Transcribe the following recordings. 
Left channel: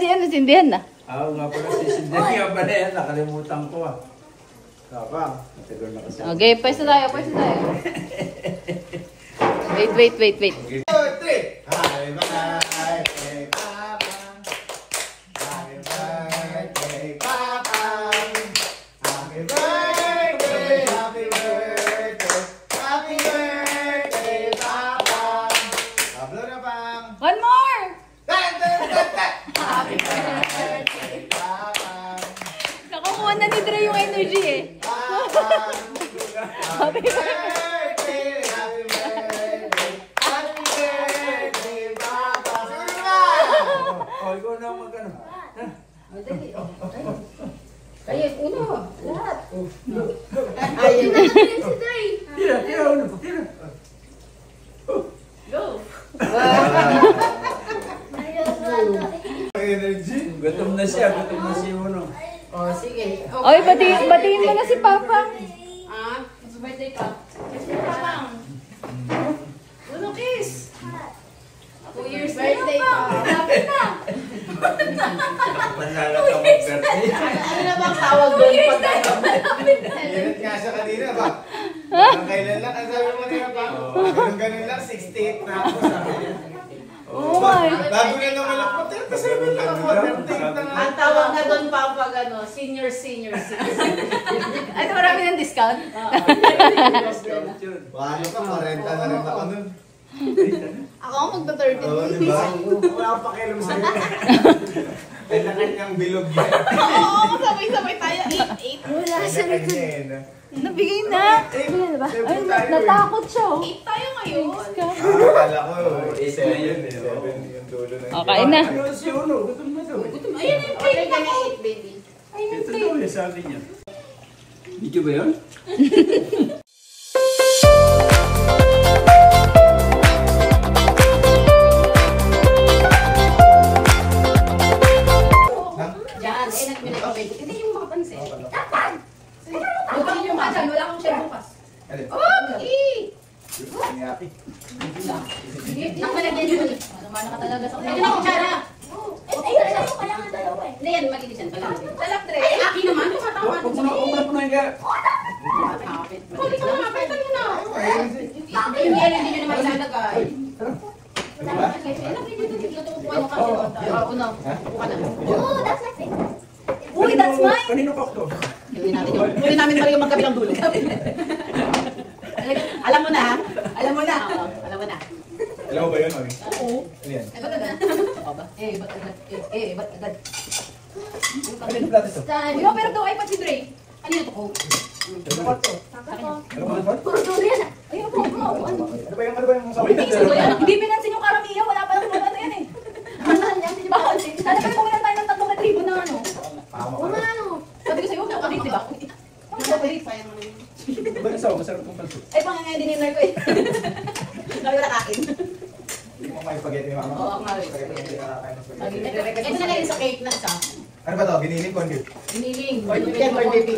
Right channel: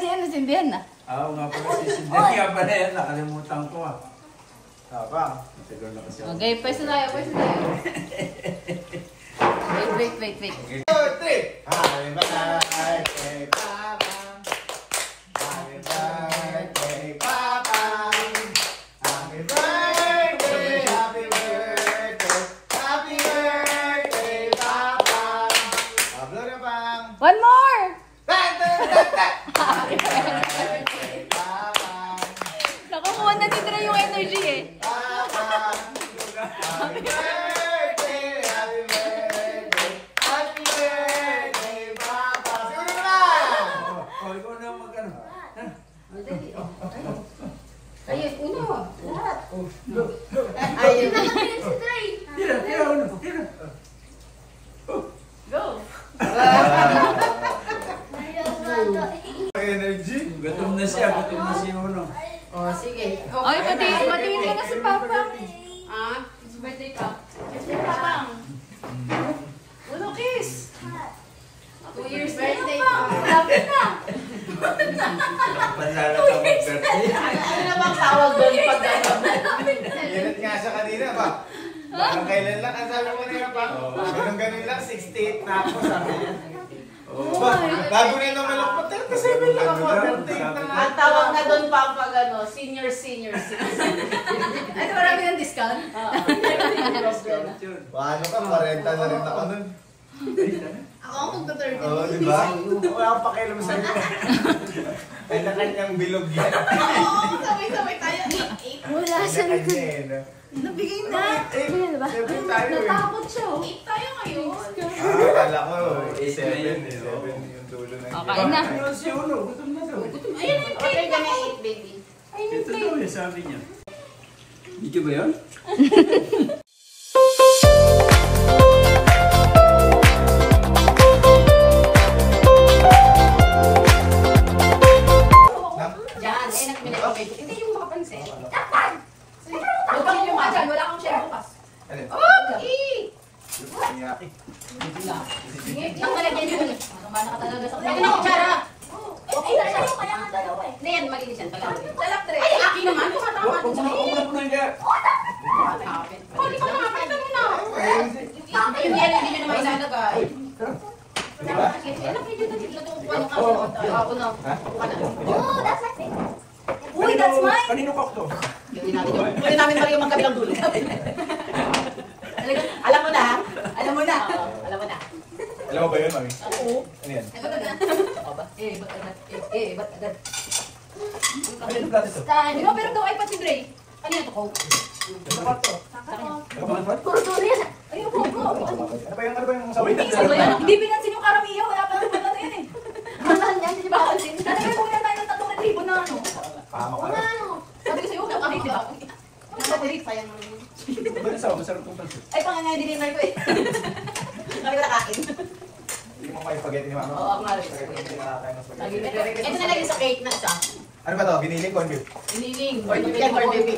Daddy, ano, sindihan na. Oo nga pala, sisindihan nga pala yan. Nakalimutan ko ah. Tama, matagal na kasi. Okay, pwesto tayo. Wait. Okay. 2, 3! Happy birthday, Papa! Happy birthday, Papa! Happy birthday, happy birthday, happy birthday, Papa! Pablo na bang? One more! Happy birthday, Papa! Nakakuha na ni Dre yung energy eh. Happy birthday, happy birthday, happy birthday, Papa! Siguro na! O, ikaw na mag-ano. Kayo, uno, lahat. Ayun na. Tira, uno. Tira. Go. Energy. Gutom na siya Uno. Oh, sige. Oy, batiin mo na si Papa. Ah, birthday ka. Birthday ka lang. Uno, kiss. 2 years birthday pa. Lapit na. Panala ka mag-birthday. Ano na bang tawag doon pag Init nga siya kanina ba? Parang kailan lang, ang sabi mo nila pa, ganun lang, 68 na ako sabi niya. Oh my. Bago niya naman lang po, 37 lang ako, 38 na nga. ang tawag na doon pa pag ano, senior citizen. Ay, marami ng discount. Paano ka, 40 na rin ako nun. Ako ang magta-30. Oo, di ba? Wala akong pakialam sa iyo. Ay, na kanyang bilog yan. Oo, sabay-sabay tayo. 8. Wala Ay, siya na kanya eh, no? Nabigay na. Ay, ba? Ay, natakot siya. 8 tayo ngayon. Akala ko, 8 7 na yun. yung dulo ng Okay na. Ano si Uno? Gutom na daw. Ayun, yung Okay, cake kami na 8, baby. Ito daw yung sabi niya. Video ba yun? Yan, hindi yung makapansin. Huwag kang lumasan, wala kang share bukas. Alin? Inyaki. Sige, nakalagyan yun. Ano ka talaga sa kanya? Lagyan ako, Chara! Ay, sa'yo kaya nga dalawa eh. Hindi yan, malinis yan. Salak, Dre. Ay, akin naman. Tumatama. Huwag mo na punoy ka. Huli ka naman, pwede mo na. Yung yelo, hindi nyo naman ilalagay. Ako na. Uy, that's mine. Kanino ka to? Gawin natin yun. Huli namin Mario magkabilang dulo. Alam mo na, ha? Alam mo na. Alam mo na. Alam mo ba yun, mami? Oo. Ano yan? Ba't agad? Ba't agad? Ano yung plato ito? Di ba, pero daw iPad si Dre. Ano yan to ko? Ano ba ito? Ano Ano ba yung sa wait? Hindi pinansin yung karamihan. Wala pa lang ano yan eh. Bakit? Talagang kumilan tayo ng 3,000 na ano. Pama ka na. Sabi ko sa'yo, ulit, di ba? Ulit, sayang mo rin. Ba't sa masarap kong pansit? Ay, panganay dinner ko eh. Sabi ko nakain. Hindi mo kayo spaghetti ni mama? Oo, ako nga rin. Ito na lang yung sa cake na isa. Ano ba ito? Giniling corn beef? Hiniling. Yan, corn baby.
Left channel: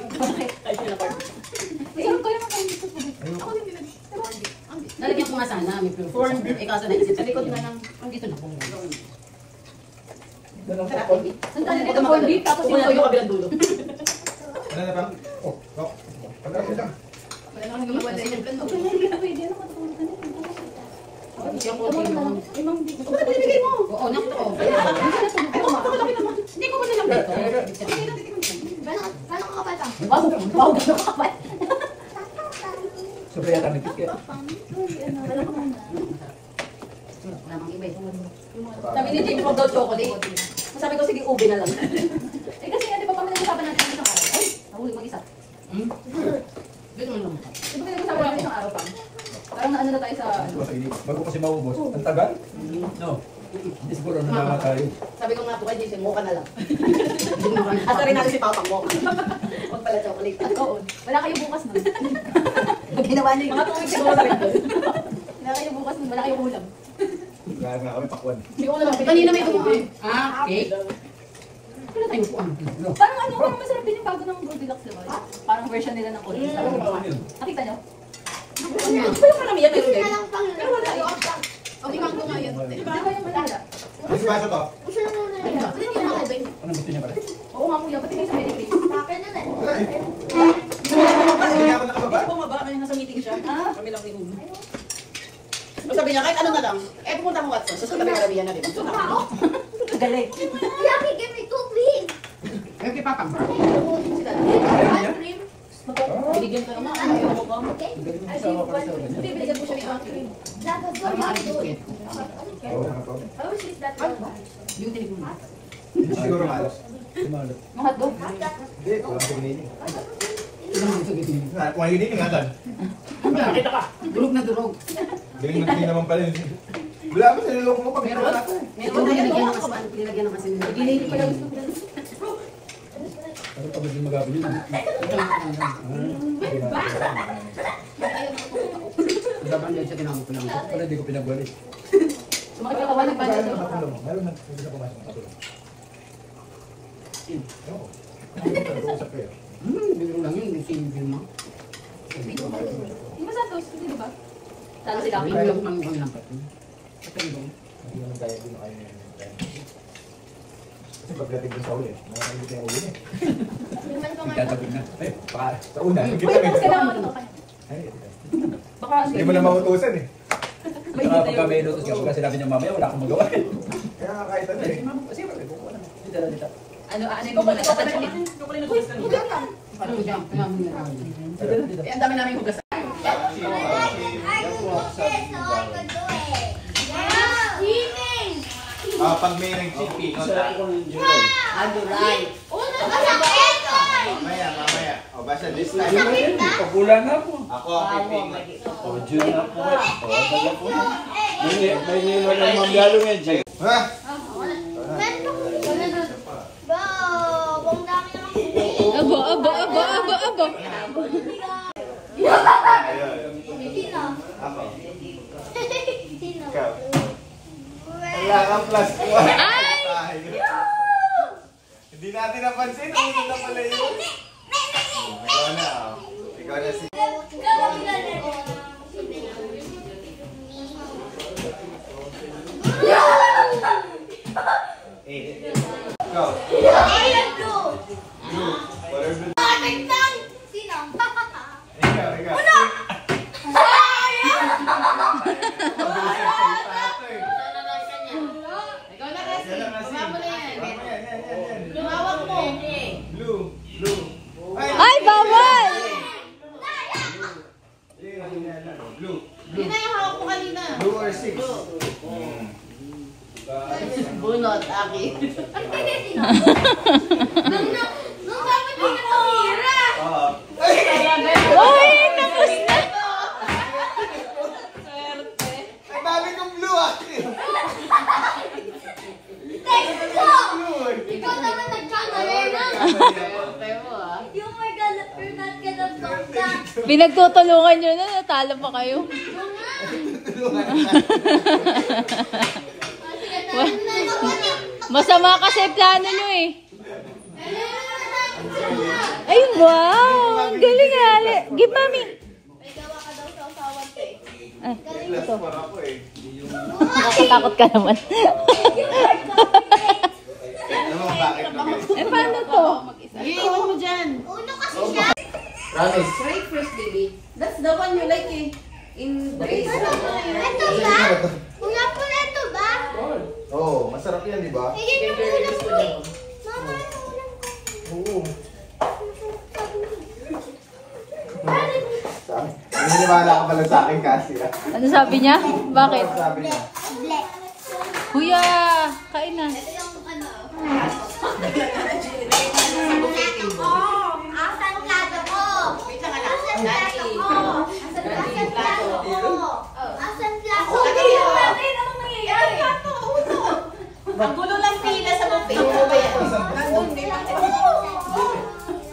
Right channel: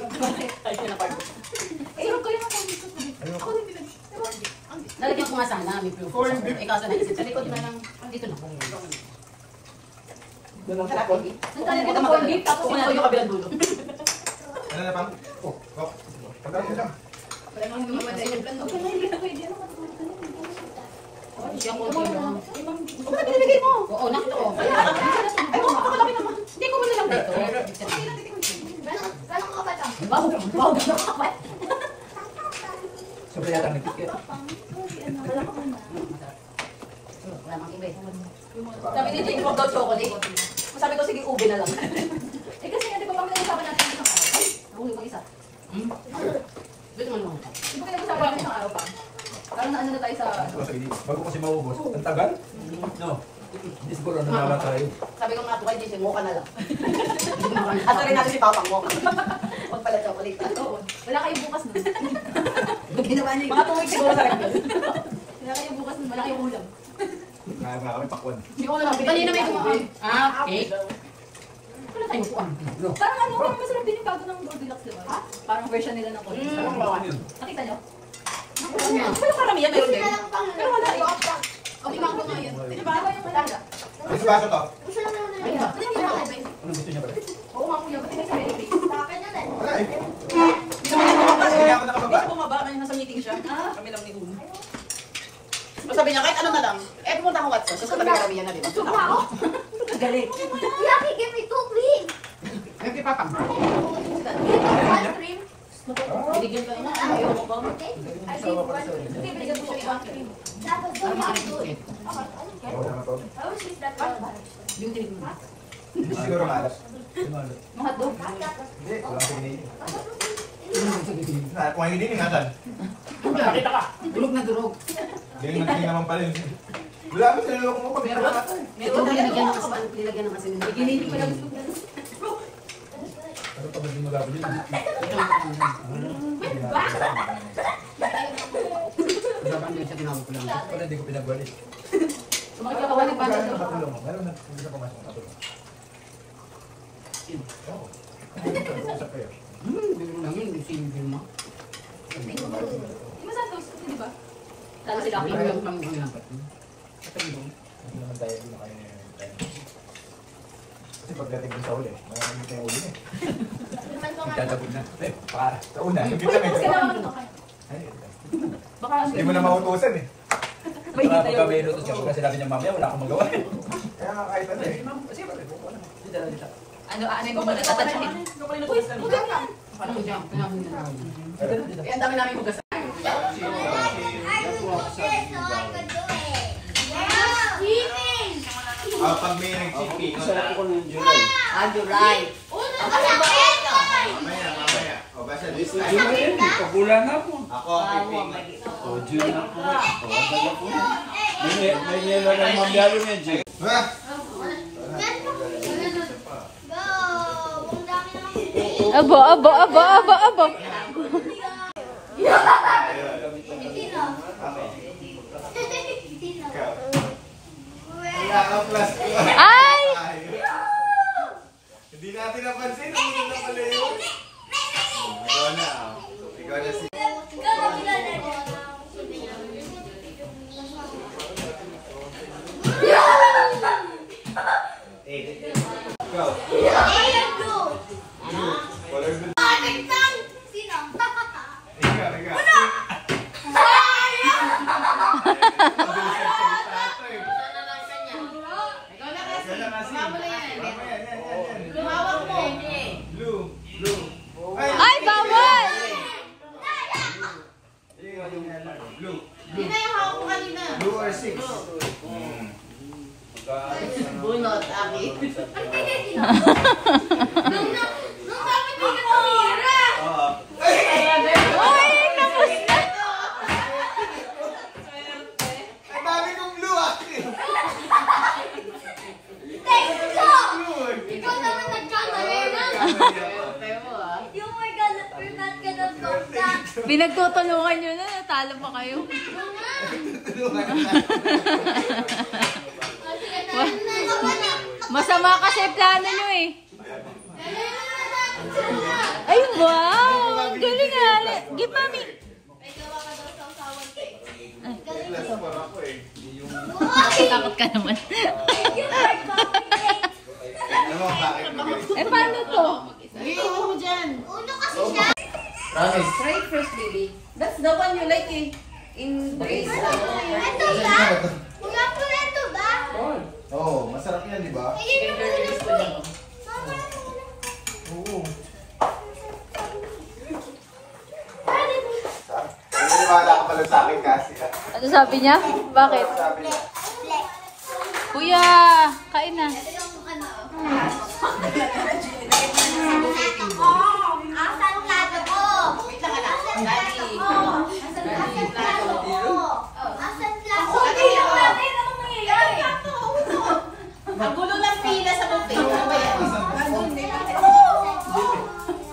Ay, yun na corn beef. Sarap ko yung Ayoko. Nalagyan ko nga sana, may proof. Corn beef. Eh, kaso naisip sa likod na lang. Andito na. Sarap, baby. Ang talaga ng corn beef, tapos Kukunan ko yung kabilang dulo. Ano na pang? Oh, pagkakas lang. Wala nang hindi mawala yung plan. Okay, hindi ka pwede. Hindi ako okay mo. Ano ba pinilagay mo? Oo, nakita ko. Ay, makakalaki naman. Hindi ko muna lang dito. Paano ka kapal ka? Wow, wow, gano'n kapal. Sobra yata nagkikit. Wala ka muna. Wala mang iba eh. Sabi ni Jane, pag daw chocolate. Sabi ko, sige, ube na lang. Eh kasi nga, di ba kami nag-usapan natin isang araw? Ay, nahuli ko isa. Dito mo lang. Di ba nag-usapan natin isang araw pa? Parang naano na tayo sa... Bago kasi maubos. Ang tagal? No. Hindi siguro nalaman tayo. Sabi ko nga po kay Jason, mocha na lang. At rin natin si Papa mocha. Huwag pala chocolate. Oo. Wala kayo bukas nun. Ginawa niya yung mga 2 weeks siguro sa rin doon. Wala kayo bukas nun. Wala kayo ulam. Kaya nga kami pakwan. Hindi ko alam. Kanina may kumuha. Ah, cake. Ano tayo upuan? Parang ano, parang masarap din yung bago ng Goldilocks, diba? Parang version nila ng Goldilocks. Nakita nyo? Pero karamihan meron din. Pero wala yun. O, di mango nga yun. Di ba? Wala. May baso to? Ayun. Anong gusto niya pala? Oo nga kuya, ba't hindi sa medic? Tapin na din. Wala eh. Hindi ako nakababa. Kasi bumaba, may nasa meeting siya. Kami lang ni Uno. So sabi niya, kahit ano na lang, pumunta akong Watson. So sabi niya, Rabia na, di ba? So ako. Galing. Yaki, give me 2, please. Ayun kay Papa. Ayaw niya? Binigyan ka naman. Ayaw mo ba? Sama pala sa kanya. Binigyan ko siya ni Papa. Tapos Para makakit ko eh. Oo, ano to? I wish this that one. Yung tinig mo. Hindi siguro malos. Malos. Mga dog. Hindi, walang pinili. Kung hindi ingatan. Nakita ka. Durog na durog. Hindi naman pala yun. Wala mo, sinulong mo kami. Meron? Ito nilagyan ng asin. Nilagyan ng asin. Ginili ko lang. Ano pa ba yung magabili? Dapat din siya tinawag ko lang. Wala, hindi ko pinagwali. Makikatawa ng bata siya. Nakatulong. Meron na, hindi na pumasok. Nakatulong. Oo. Usap ko yan. Bigyan lang yun. Yung sinigil mo. Di ba sa toast? Di ba? Talo si Dami. Bigyan lang ang lampat. Hindi naman tayo din kayo niya. Kasi pagdating dun sa uli, nakakagit na yung uli niya. Nagtatagod na. Ay, para. Sa una, nagkita Uy, may tapos ka na ako. Ay, Baka hindi mo na mautusan eh. may Saka dito pagka may yun. inutos ka, pagka sinabi niya mamaya, wala akong magawa eh. Kaya nga kahit ano eh. Kasi bakit? Dito. Ano yung mga nagtatouch in? Uy, huwag lang. Ano dyan? Pinamin na namin. Dito. Ang dami namin hugas. Pag may nag-chipping, July. mamaya. O, basta this time. Pagula na po. Ako ang piping. O, Jun na po. O, dala po yan. May nilo ng mamyalo yan, Jun. Ha? Abo, abo, abo, abo, abo. Ikaw. Wala kang plus. Ay! Hindi natin napansin. Ulo na pala yun. Ikaw na. Ikaw na si... Go. Color blue. Ikaw. Ikaw na kasi. Bumama mo na yan. Mamaya, yan. Lumawak mo. Blue. Ay, bawal! Blue. Yun na yung hawak mo kanina. Blue or 6? Bunot, Aki. Oo. Uy, tapos na! Ang dami kong blue ah! Blue eh. Ikaw naman nagkamali na. Tayo mo ah. Oh my God, forgot ka ng bangka. Pinagtutulungan nyo na, natalo pa kayo. Masama kasi plano nyo eh. Ay, wow! Ang galing ali. Give mami. Plus 4 ako eh. Nakatakot ka naman. Alam mo bakit magaling? Eh, paano to? Iiwan mo dyan. Uno kasi siya. Promise. Try first, baby. That's the one you like eh. In Grace. Ito ba? Kuya po na ito ba? Oo, masarap yan, di ba? Hindi na po na po eh. Mama, Oo. Naniniwala ka pala sa akin kasi ah. Ano sabi niya? Bakit? Sabi niya. black. Kuya, kain na. Ito yung ano. Asan plato ko? Asan plato ko? Asan plato ko? Asan plato ko? Ano nangyayari? Ang gulo ng pila sa buffet. Ano ba yan?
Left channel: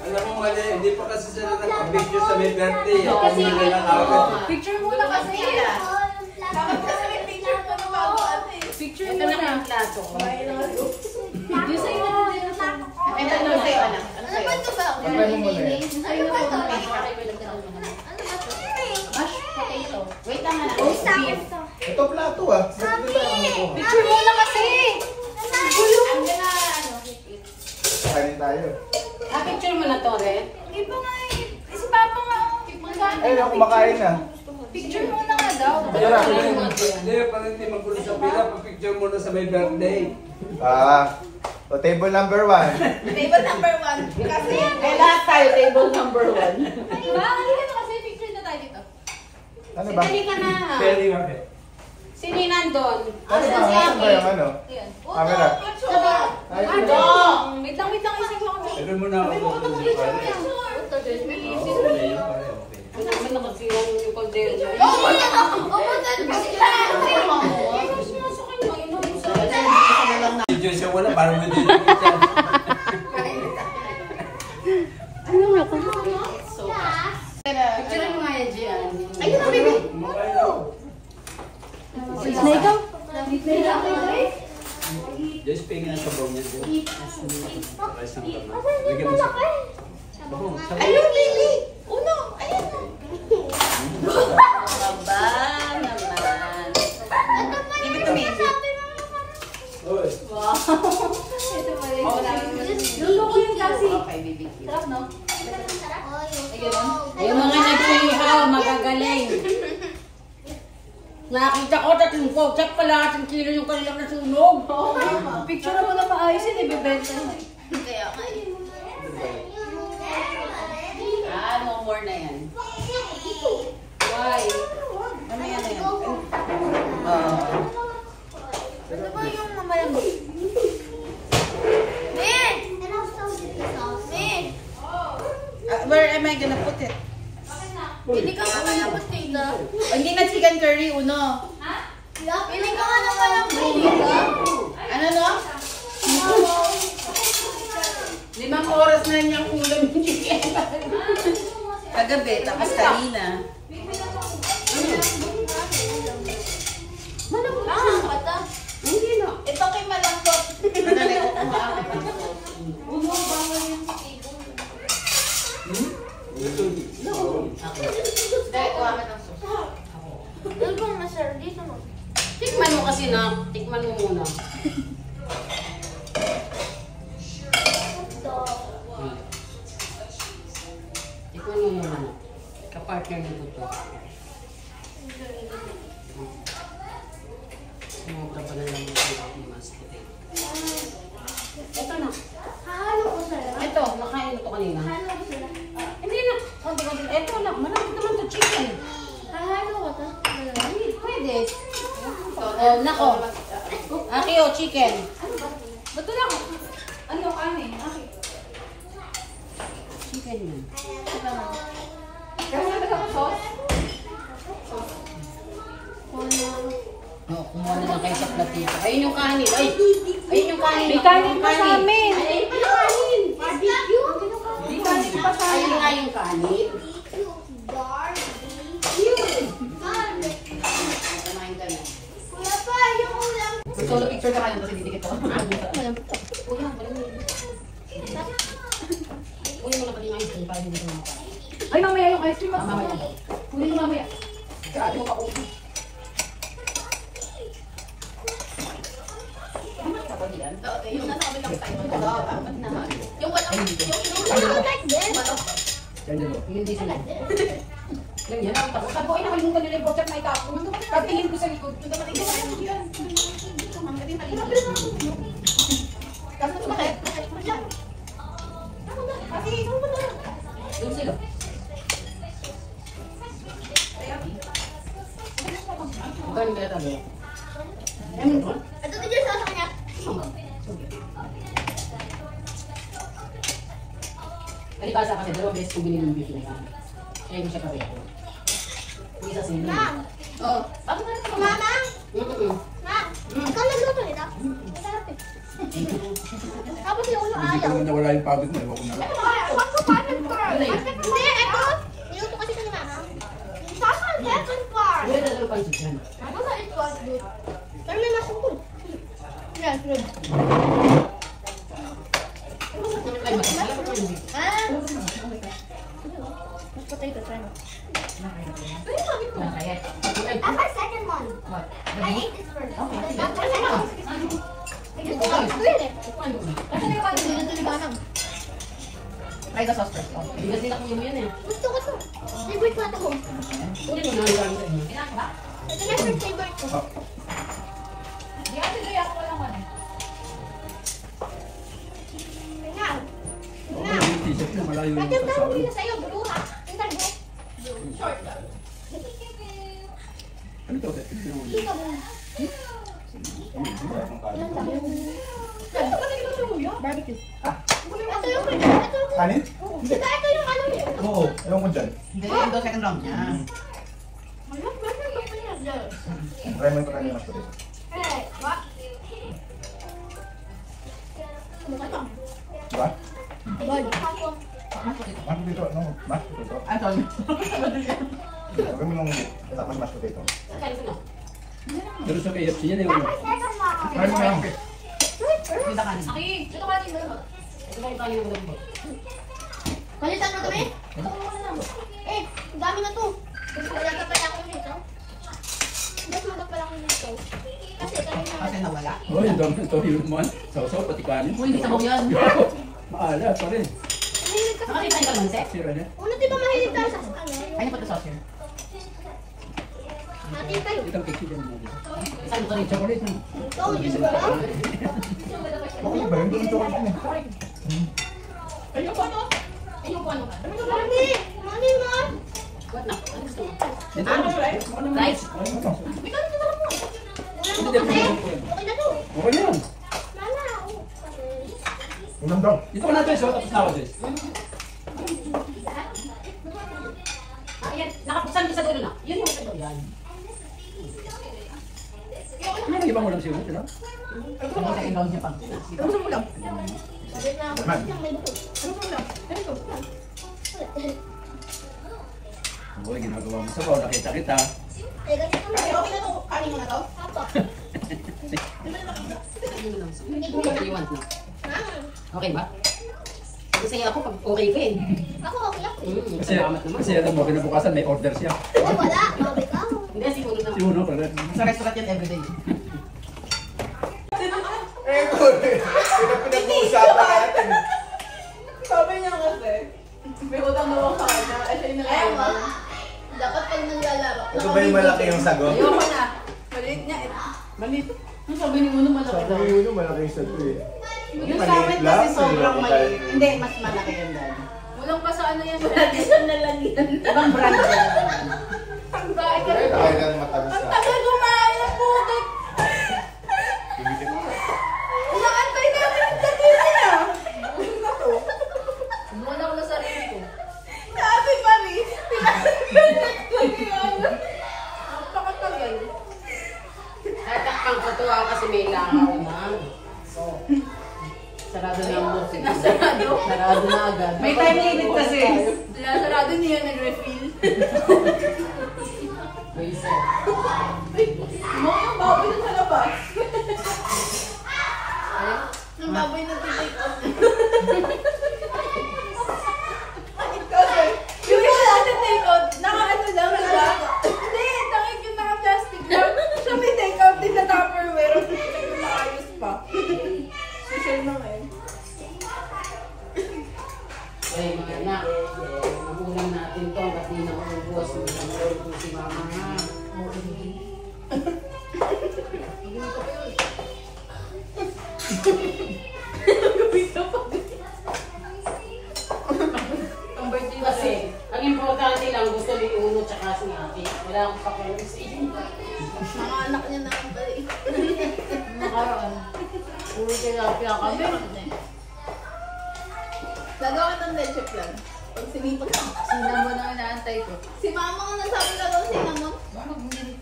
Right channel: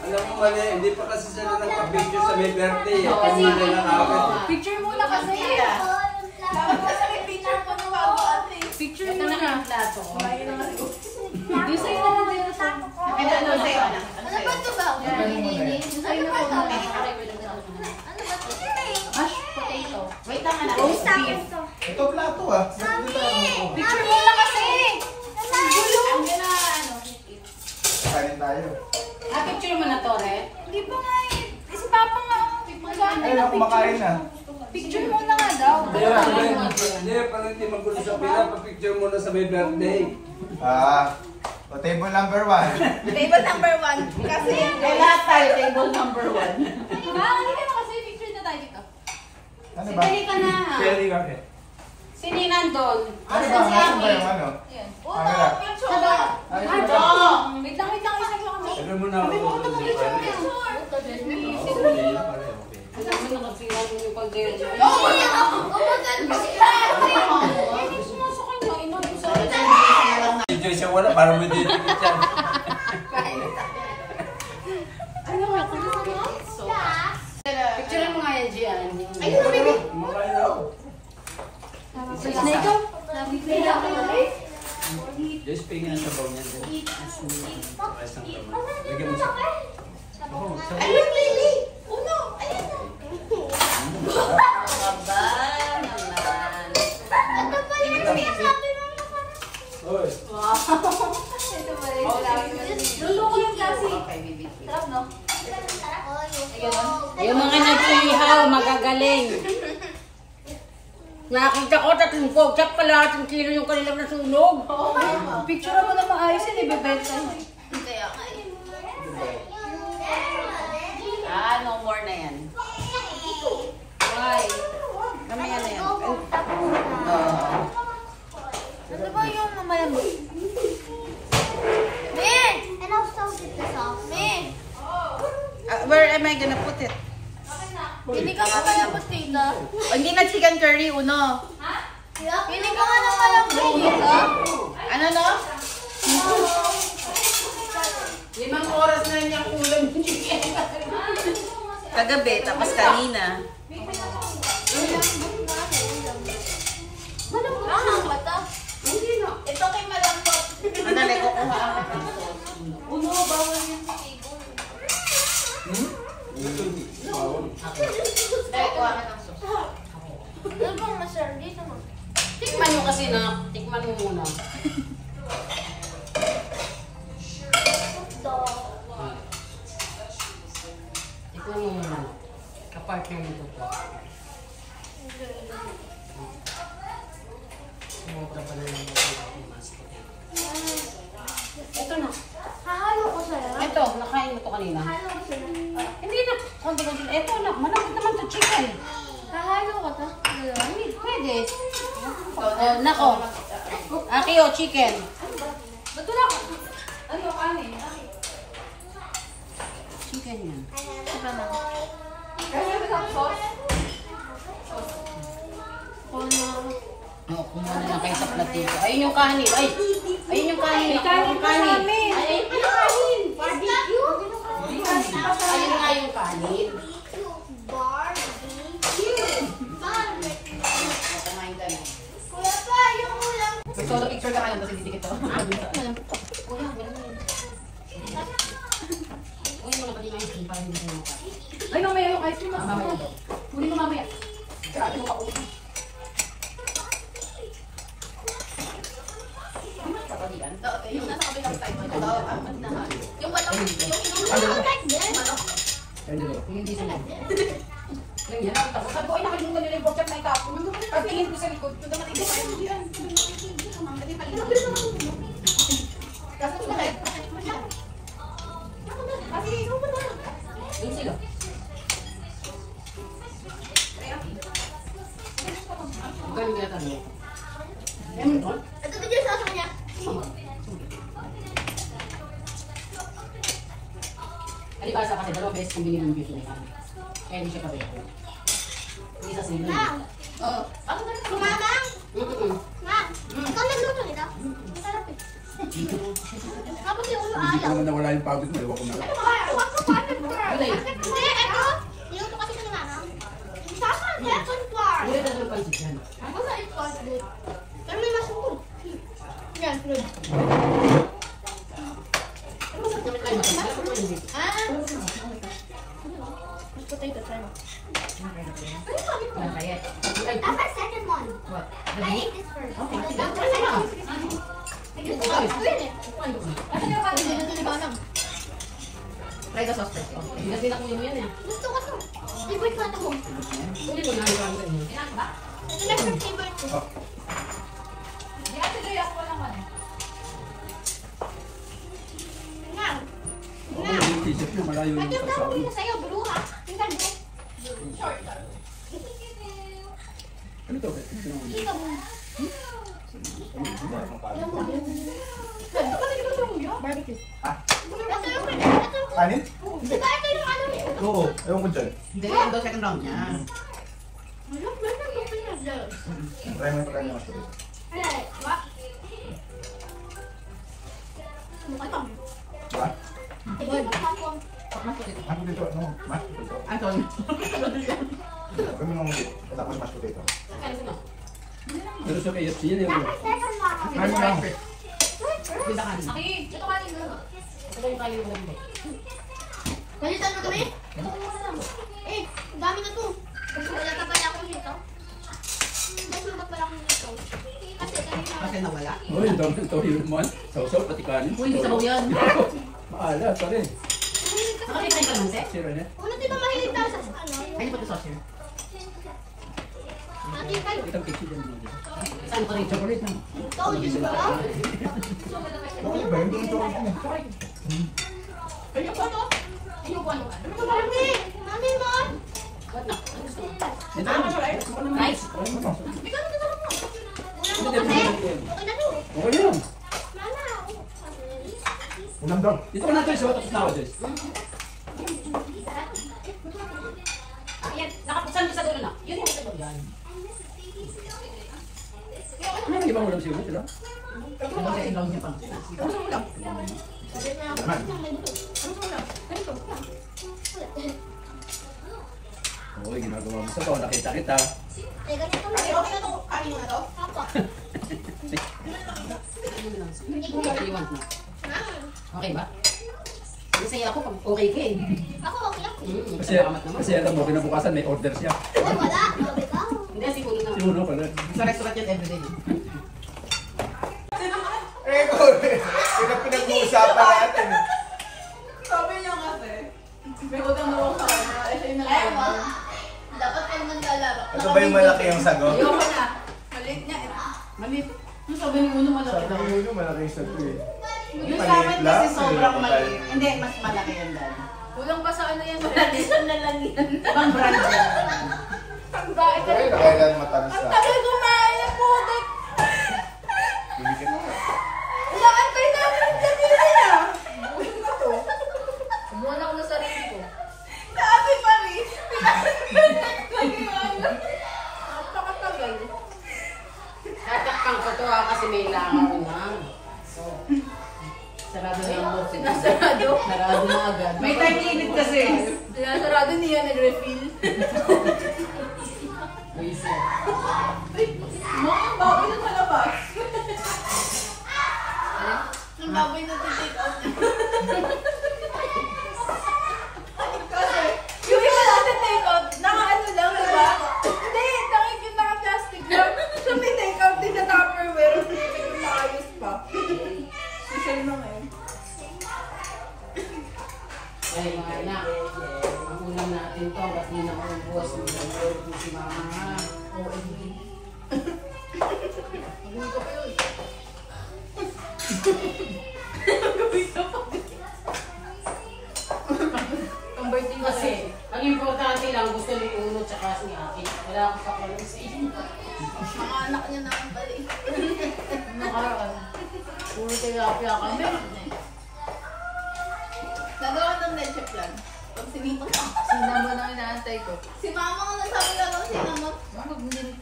Alam mo mali, hindi pa kasi sila nag-picture sa may birthday. Pamilya lang agad. Picture muna kasi. Dapat kasi may picture ko na bago ate. Picture muna ng plato. Di sa'yo na din ang plato ko. Ito ano sa'yo, anak? Ano Ano ba sa'yo? ito ba? Pagpaling mo na yan. Ano ba ito? Ano ba ito? Mashed potato. Wait lang anak. Beef. Beef. Ito plato ah. Sabi! Dito tayo kumukuha. Picture mo na kasi! Ang gulo! Ayun, kumakain na. Picture muna nga daw. Hindi, parang hindi magulo sa pila. Pa-picture muna sa may birthday. O table number 1. Table number 1. Kasi, May lahat tayo, table number 1. hindi ka na kasi picture na tayo dito. Ano ba? Dali ka na. Pwede nga eh. Sino yung nandun? Ano ba? Nasaan ba yung ano? Ayan. Camera. Wait lang, isang lang. Ano mo na ako? Ang dami na magsira yung kaldero dyan. Video siya wala, parang may dito siya. Picture mo nga yan, Gian. Ayun na, baby. Kumakain na ako. Just pingin ang sabaw niya. Saka isang kamay. Lagyan mo sa... Sabaw, sabaw. Ayun, Lily. Uno, ayun. Aba naman. Ibig ko, baby. Oy. Luluko yung klase. Okay, baby. Sarap, no? Yung mga nag-ihaw, magagaling. Nakita ko, 30 pogsak pala, 10 kilo yung kanilang nasunog. Picture mo na maayos yun, ibibenta yun. Kaya nga eh. No more na yan. Why? Mamaya na yan. Ano ba yung mamalambot? Min! Min! Where am I gonna put it? Hindi ka nga malambot dito. Hindi na chicken curry, uno. Hindi ka nga na malambot dito. Ano no? 5 oras na niyang ulam yung chicken. Kagabi, tapos kanina. Malambot ba ito? Hindi na. Ito kay malambot. Madali ko kuha ako. Uno, bawal yun sa table. Dahil kuha ka ng sauce. Ano bang na-serve dito mo? Tikman mo kasi na. Tikman mo muna. Tikman mo muna. Kapartner nito to. Sumobra pa na lang yung mask. Ito na. Hahalo ko sa'yo. Ito, nakain mo to kanina. Hahalo ko sa'yo. Hindi na. Konti-konti. Ito na. Malapit naman to chicken. Hahalo ko to. Pwede. Nako. Aki o chicken. Ba't wala ko? Ano, kanin? Chicken yan. Saka na. Kaya wala ba kang sauce? No, kumuha na lang kayo sa platito. Ayun yung kanin. Ay! Ayun yung kanin. May kanin pa sa amin. Ay, ayun yung kanin. Barbecue? Ayun nga yung kanin. Kumain ka na. Wala pa, yung ulam. Solo picture ka kayo. Kasi didikit ako. Uy, mo na pati yung ice cream. Parang hindi ko makain. Ay, mamaya yung ice cream. Mamaya. Huli ko mamaya. Ate mo ka ulit. Yung nasa kabilang tayo. Yung bato. Hindi sila. Ganyan ang tapos. Sabi ko, ay nakalimutan nila yung pork chop na itapon. Pagtingin ko sa likod. Ito naman ito. Doon sila. Ito yung nila tayo. Ito tigil sa kanya. Kalibasa kasi dalawang beses kong binili ng beauty na kami. Kaya hindi siya pareho. Hindi sa sinin. Oh. Ano na ito? Mama? Ma? Ikaw nagluto nito? Masarap eh. Tapos yung ulo Hindi ko ayaw. naman nawala yung pabit na. Ewan ko na. Hindi, ito. Niluto kasi ni Mama. Sasa, second part. Hindi na dalawang pansit yan. Ako sa it was good. Pero may masukod. Yan, good. Ah? Mas potato, try mo. Kaya. After second one. What? I ate this first. Okay. After second one. Really? Kasi nagkakalimutan. Try the sauce first. Oh, hindi na sila kunin yan eh. Gusto ko to. Favorite ko ito ko. Hindi mo na yung sa inyo. Kailangan ba? Ito na yung favorite ko. Hindi kasi kaya ako lang ano. Kailangan. Oo, yung t-shirt na malayo yung Bakit yung sasabi. gawin na sa'yo? Blue ha? Tingnan mo. Short. Ano to? Kita mo. Ilang sabi? Ito kasi ito yung Barbecue. Ah? Ito yung Kanin? Diba ito yung ano eh? Oo, ewan ko dyan. Hindi, yung daw second round niya. Malak, meron ko pa niya. Try mo yung pagkain mas potato. Eh, what? Ano ka ito? Diba? Bag. Mas potato, no? Mas potato. Ano? Huwag mo nung tapos mas potato. Pero sa KFC yan eh. Ano na? Pindakan. Aki, ito ka din mo. Ito ba yung kayo ng bot? Palitan mo kami? Eh, dami na to. Kasi wala ka pala akong dito. Mas wala pala akong dito. Kasi kanina. Kasi nawala. Oh, yung dami ng toyo naman. Sausaw, pati kanin. Uy, hindi sabaw yan. Maalat pa rin. Nakakita yung kalunse? Si Rene. Ano di ba mahilig tayo sa ano? Kanya pa ito saucer. Natin tayo. Itang cake dyan mo. Saan ko rin? Chocolate na. Ikaw, yun ba? Okay ba? Yung chocolate yun eh. Ayun ko to. Ayun ko ano? Mami! Mami, mom! What na? Ano gusto mo? Ito ano? Rice. Ano mo? May kami na mo. Hindi, Okay na to. Okay na yun. Lala. Ulam daw. Dito ka natin sa tapos Des. Ayan, nakapuksan ko sa dulo na. Yun yung sa dulo yan. Ano yung ibang ulam siguro? Sila? Ito yung second round niya pang. Ano sa ulam? Sabi na ako. May buto. Ano sa ulam? Ganito. Oo, ginagawa mo sa kao. Nakita kita. Eh, ganito kami. Okay na to. Kanin mo na to. Apo. What do you want na? Okay ba? Kasi ako pag okay ka eh. Ako, okay ako. Kasi, Salamat naman. kasi alam mo, kinabukasan may order siya. Ay, wala. Grabe ka. Hindi, siguro na. Siguro pala. Sa restaurant yan everyday. Eh, good. Pinag-uusapan natin. Sabi niya kasi, may utang na ako sa kanya. Eh, siya yung Ay, wala. Dapat pag naglalaro. Ito ba yung malaki yung sagot? Ayoko na. Maliit niya. Maliit. Ano sabi ni Uno malaki daw? Sabi mo malaki yung sagot eh. Yung Maliit sa amin lang, kasi sobrang maliit maliit. lang. Hindi, mas malaki yun dahil. Kulang pa sa ano yan. Tradition na lang yan. Ibang brand yan. Ang bakit Kaya kailan matamis ka. tagal kumain ng putik. Bibigyan mo ka. Inaantay namin yung tagilan ah. Kumuha na ako ng sarili ko. Sabi pa rin. Napakatagal. Tatakpan ko to kasi may langaw na. So, sarado na yung box. Sarado? Sarado na agad. May time limit kasi. Sarado niya nag-refill. Buisit. Mga yung baboy na sa labas. Ang baboy na take out niya. Kasi, yung iba natin take out, naka-ano lang, diba? Hindi, tangig yung naka-plastic lang. Siya may take out din sa Tupperware. Hindi ko maayos pa. Social na ngayon. Ay, mga anak, ang ulam natin to, kasi na ako ng buwas mo sa loob ko si mama nga. Oo, hindi. Hindi ko pa yun. Ang birthday kasi, ang importante lang gusto ni Uno tsaka si Ate. Wala akong pakialam sa inyo. Mga anak niya naman pala eh. Nakaraan. Puro tilapia kami. Nagawa ng leche plan. Pag sinipag ka. Sino mo na inaantay ko? Si mama nga nasabi na daw siya naman.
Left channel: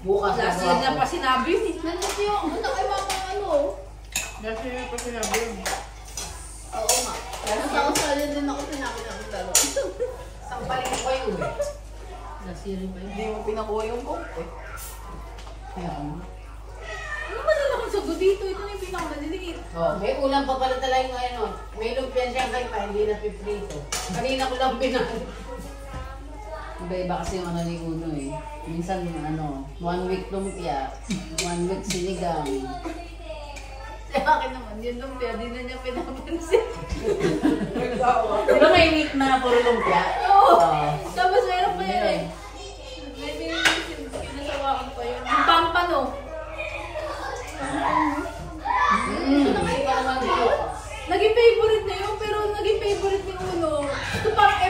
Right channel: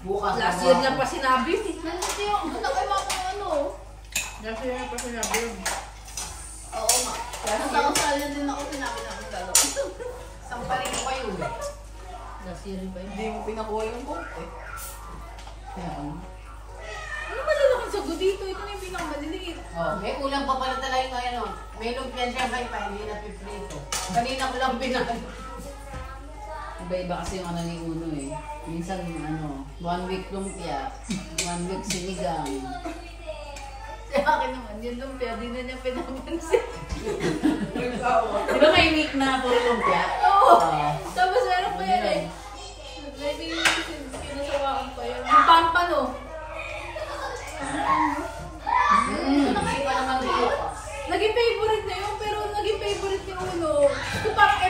Bukas Last year niya pa sinabi. Nandito yung ano kay mama ano. Last year niya pa sinabi. Oo nga. Nasakasali din ako sinabi namin dalawa. Sampaling ko kayo. Last year rin ba yun? Hindi mo pinakuha yung coke eh. Kaya ka naman. Ano ba lalaking sagot dito? Ito na yung pinakamaliliit. Oh, may ulam pa pala talaga ngayon. Oh. May lumpian siya kayo pa, hindi na piprito. Kanina ko lang pinag... Iba-iba kasi yung ano ni Uno eh. Minsan ano, 1 week lumpia, 1 week sinigang. Sa akin naman, yung lumpia, di na niya pinapansin. Di ba may week na puro lumpia? Oo. Oh. Tapos meron pa yan eh. Maybe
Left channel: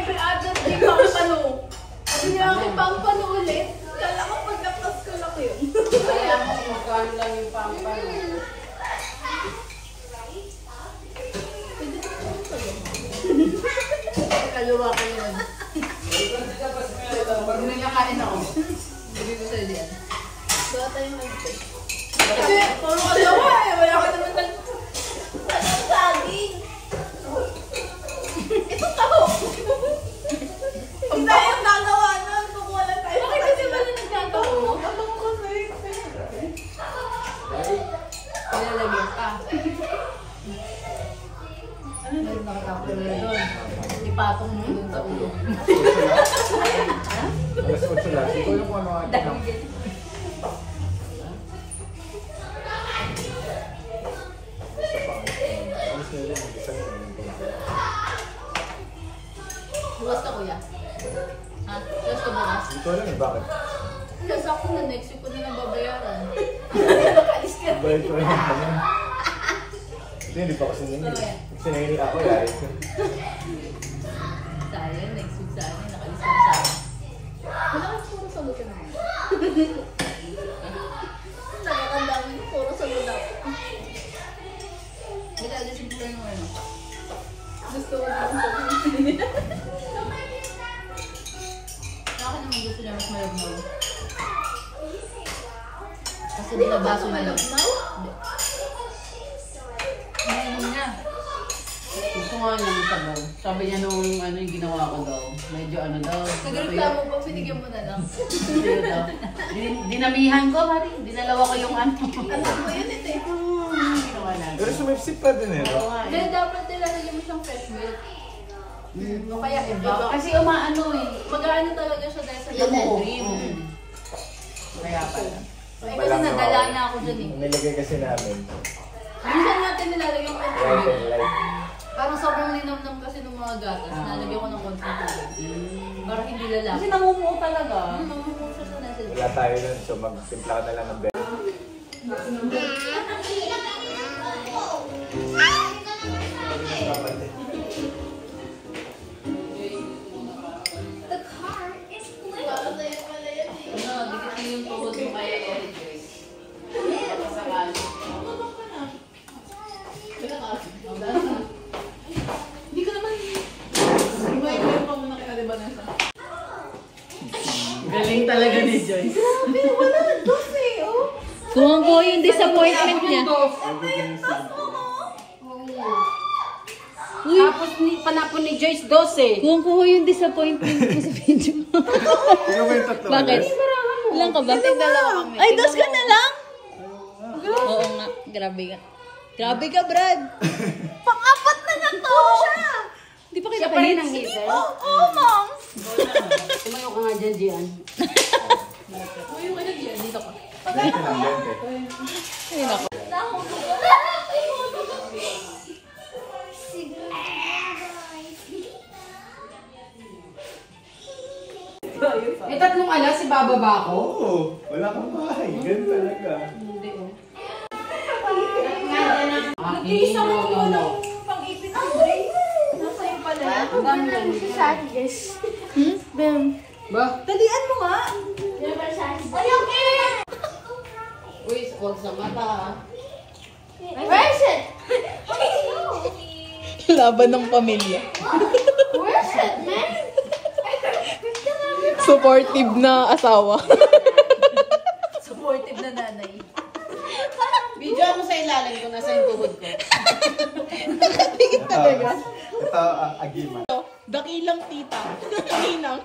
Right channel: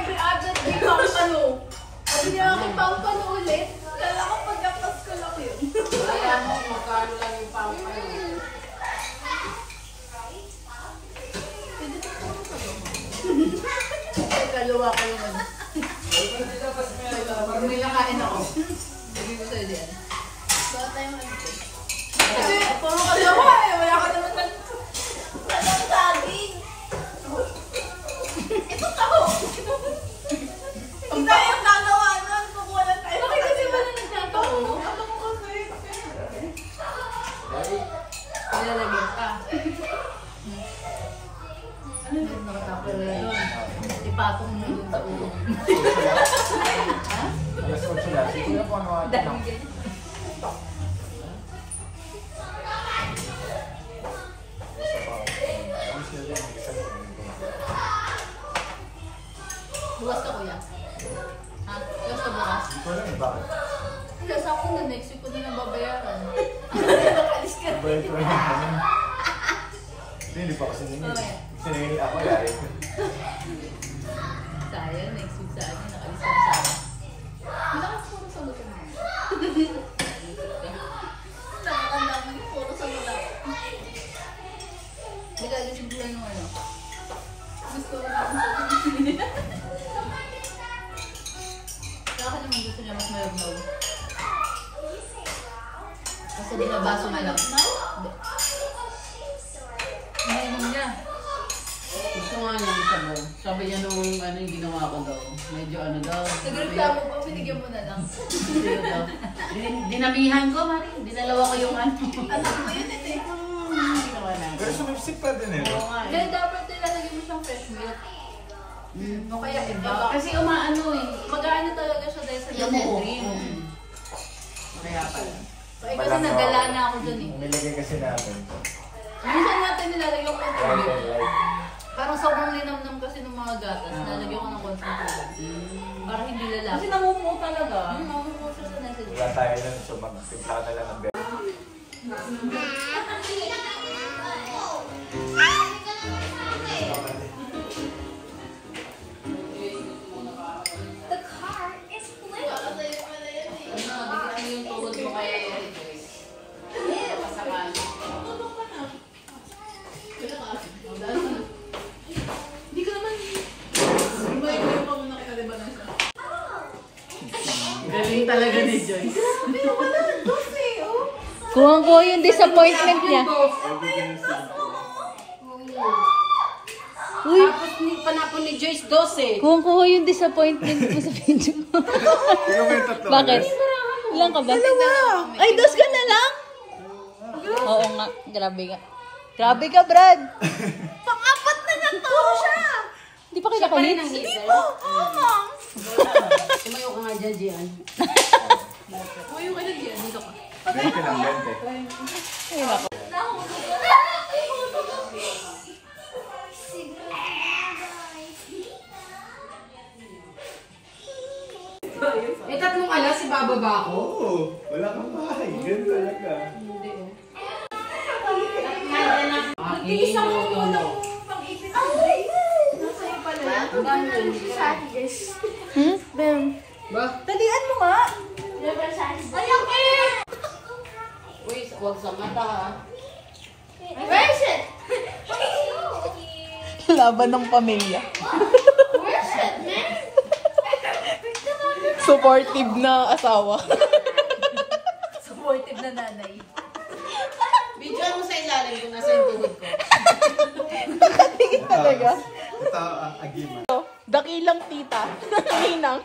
Siyempre, agad di pampano. Hindi namin pampano ulit. Kala ko pagkapas ko lang yun. Kaya mo, magkano lang yung pampano. Kaluwa ko naman. Pag may nakain ako, sabi ko sa'yo din. Gawa tayo mag-ito. Kasi, puro kalawa eh. Wala ka naman mag... Walang saging. Ito tao. Pag tayo yung gagawa nun, kukuha lang tayo. Bakit kasi wala nagkataon? Ano mo kasi? Ilalagyan ka. Ano yung nakatapos na doon? Ipatong mo doon sa ulo. Alas 8 lang. Siguro kung ano ata lang. Bukas ka kuya. Ha? Bukas ka bukas? Hindi ko alam eh, bakit? Kasi ako na next week ko na nababayaran. Bayad ko lang naman. Hindi pa kasi nangin. Kasi nangin ako, yari ko. Sayang, next week sa akin, nakalis ako sa akin. Wala kasi puro sagot ka naman. Nakakanda mo yung puro sagot ako. Nagagasin ko lang yung ano. Gusto ko lang sagot. Sa akin naman gusto niya mas malabnaw. Kasi nilabaso malabnaw? Hindi. Ano niya? Gusto nga niya yung sabaw. Sabi niya nung ano yung ginawa ko daw. Medyo ano daw. Nagreklamo pa, binigyan mo na lang. Sino daw? Dinamihan ko, Mari. Dinalawa ko yung ano. Anak mo yun, ito eh. Wala. Pero sumipsip pa din eh. no? Oo nga eh. Then dapat nilalagyan mo siyang fresh milk. O kaya iba. Kasi umaano eh. Mag-aano talaga siya dahil sa Yun damo. cream. Kaya pala. Eh kasi nadala na ako dun eh. Nilagay kasi namin. Minsan natin nilalagyan ko ng Right tubig. and right. Parang sobrang linamnam kasi ng mga gatas. Nalagyan ko ng konting tubig. Para hindi lalaki. Kasi namumuo talaga. Mamumuo siya sa nasa Wala tayo nun, so magtimpla ka na lang ng bed. Ano, dikit mo yung tuhod mo kaya Eri Grace. Pasakal. Hindi ko naman... May ko pa muna kaya diba na siya. Galing talaga ni Joyce. Sabi, wala na dos eh, oh. Kuha ko yung disappointment niya. Uy, Tapos panapon ni Joyce 12. kuha yung disappointment mo sa video. Ikaw ba yung tatlo? Bakit? Ilang ka ba? Ay, dos ka na lang? Oo nga, grabe ka. Grabe ka, Brad. Pang-apat na nga to siya. Hindi pa kita kahit. Hindi po, oh, ma'am. Tumayo ka nga dyan, Gian. Uy, ka na dyan, dito ka. 20 lang, 20. Ay, nako. Eh, tatlong alas, si bababa ako. Oo, wala kang bahay. Ganun talaga. Nag-iisa ko walang pang-ipit ang brain. Nasa iyo pala. Ang dami lang. Bem. Ba? Talian mo nga. Uy, huwag sa mata ah. Where is it? Laban ng pamilya. Where is it, man? Supportive na asawa. Supportive na nanay. Video mo sa ilalim kung nasa yung tuhod ko. Nakatingin talaga. Ito, agiman. Dakilang tita. Hinang.